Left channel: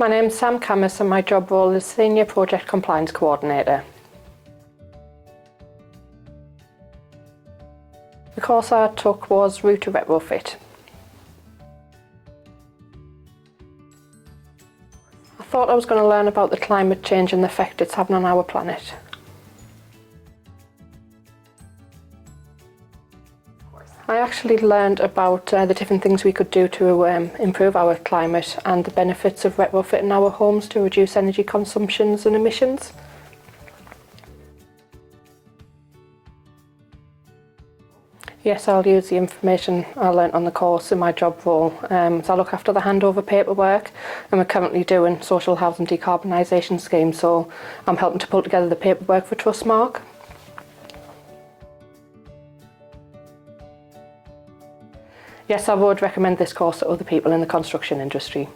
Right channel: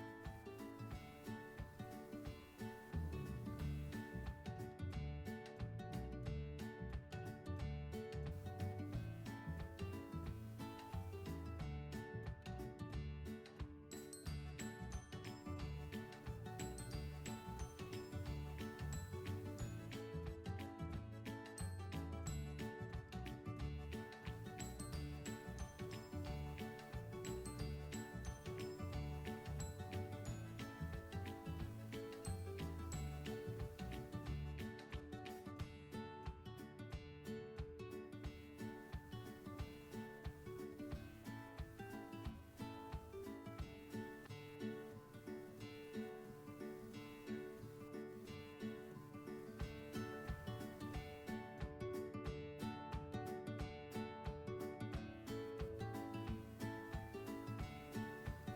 My name's Sam Cammiss and my job role is Senior Project Compliance Coordinator. The course I took was Route to Retrofit. I thought I was going to learn about the climate change and the effect it's having on our planet. I actually learned about the different things we could do to improve our climate and the benefits of retrofitting our homes to reduce energy consumptions and emissions. Yes, I'll use the information I learnt on the course in my job role. So I look after the handover paperwork, and we're currently doing social housing decarbonisation schemes, so I'm helping to pull together the paperwork for Trustmark. Yes, I would recommend this course to other people in the construction industry.